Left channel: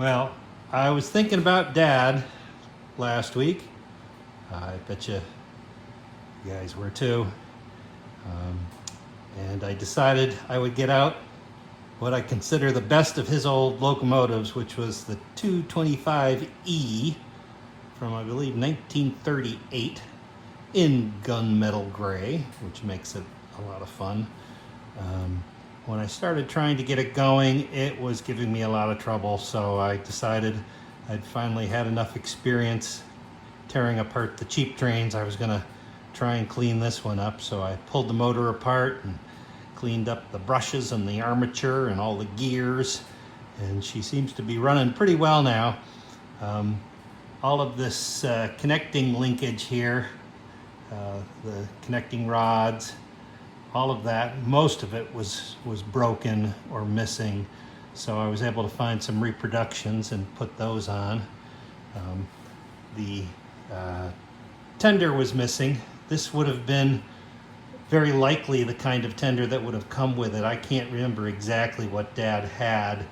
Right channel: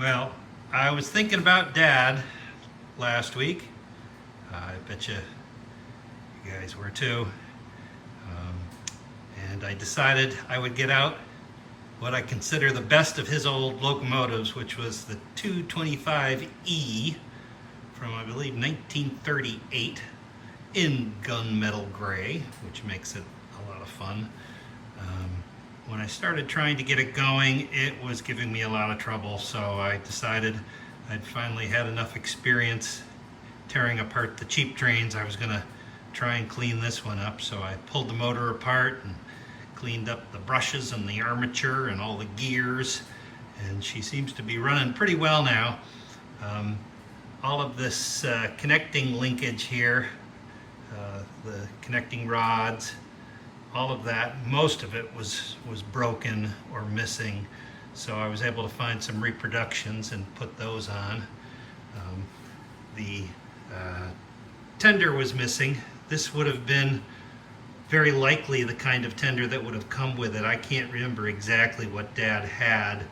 Well, I was thinking about Dad last week. I bet you guys were too. And I decided I would get out what I consider the best of his old locomotives, which was the 225E from, I believe, 1938 in gunmetal gray, which makes it a lot of fun. When I started trying to get it going, it was giving me a lot of trouble, so I decided I'd finally had enough experience tearing apart the cheap trains. I was gonna try and clean this one up, so I pulled the motor apart and cleaned up the brushes and the armature and all the gears, and she seems to be running pretty well now. All of this connecting linkage here, the connecting rods, all of that, most of it was broken or missing, so I was able to find some reproductions and put those on. The tender was missing. This would have been very likely the kind of tender that would have come with it. I can't remember exactly what Dad had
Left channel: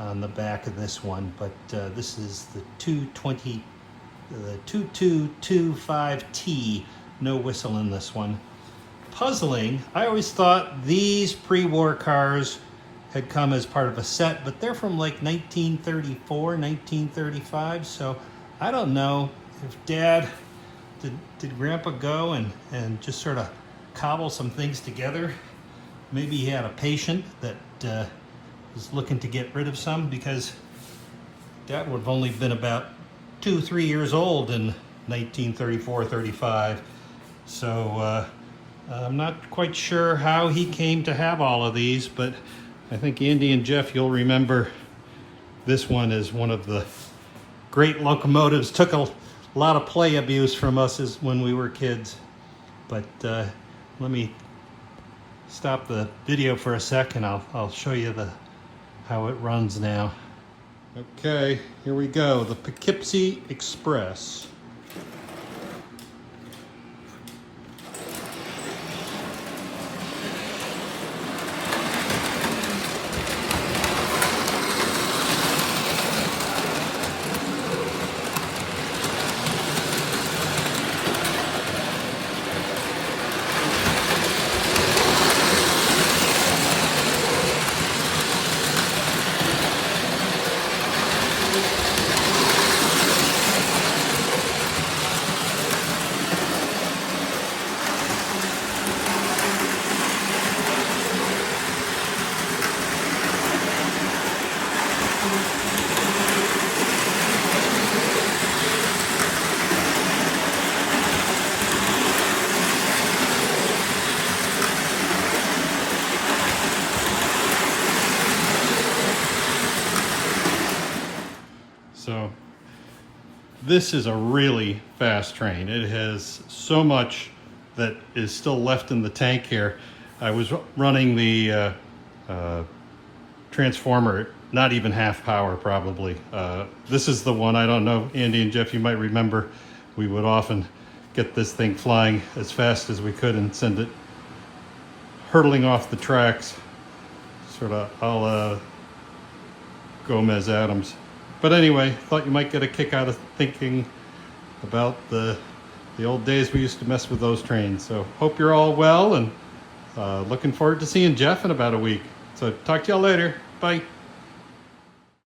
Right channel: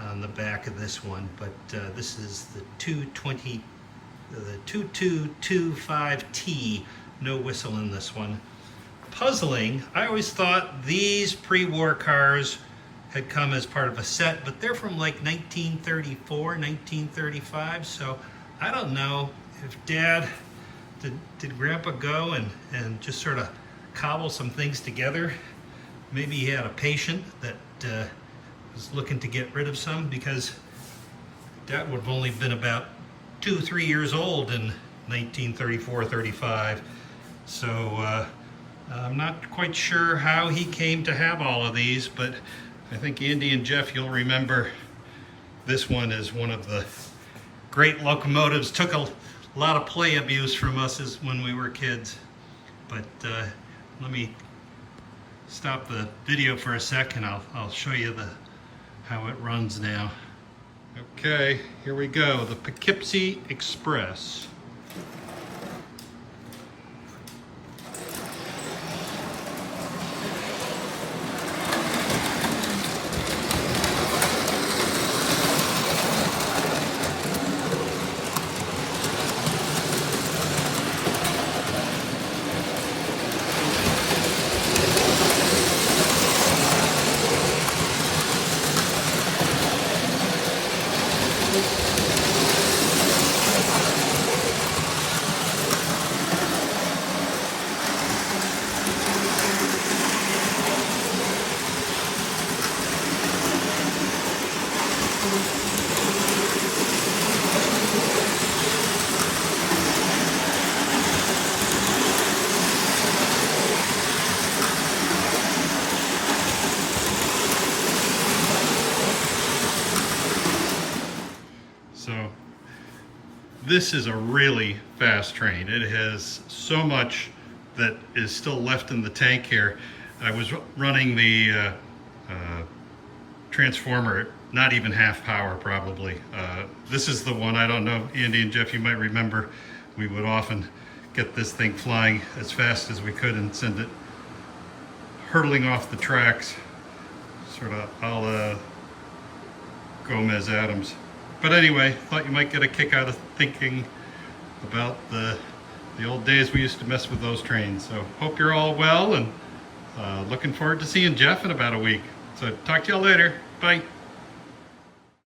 on the back of this one, but this is the 2225T, no whistle in this one. Puzzling, I always thought these pre-war cars had come as part of a set, but they're from like 1934, 1935, so I don't know if Dad, did Grandpa go and just sort of cobble some things together. Maybe he had a patient that was looking to get rid of some, because Dad would have only been about 2 or 3 years old in 1934, 35. So I'm not quite sure how he came to have all of these, but I think Andy and Jeff, you'll remember this one is one of the great locomotives. Took a lot of play abuse from us when we were kids. But let me stop the video for a second. I'll show you how it runs now. Okay, here we go. The Poughkeepsie Express. So this is a really fast train. It has so much that is still left in the tank here. I was running the transformer, not even half power probably. This is the one, I don't know, Andy and Jeff, you might remember, we would often get this thing flying as fast as we could and send it hurtling off the tracks, sort of a la Gomez Adams. But anyway, thought you might get a kick out of thinking about the old days we used to mess with those trains. So hope you're all well, and looking forward to seeing Jeff in about a week. So talk to y'all later. Bye.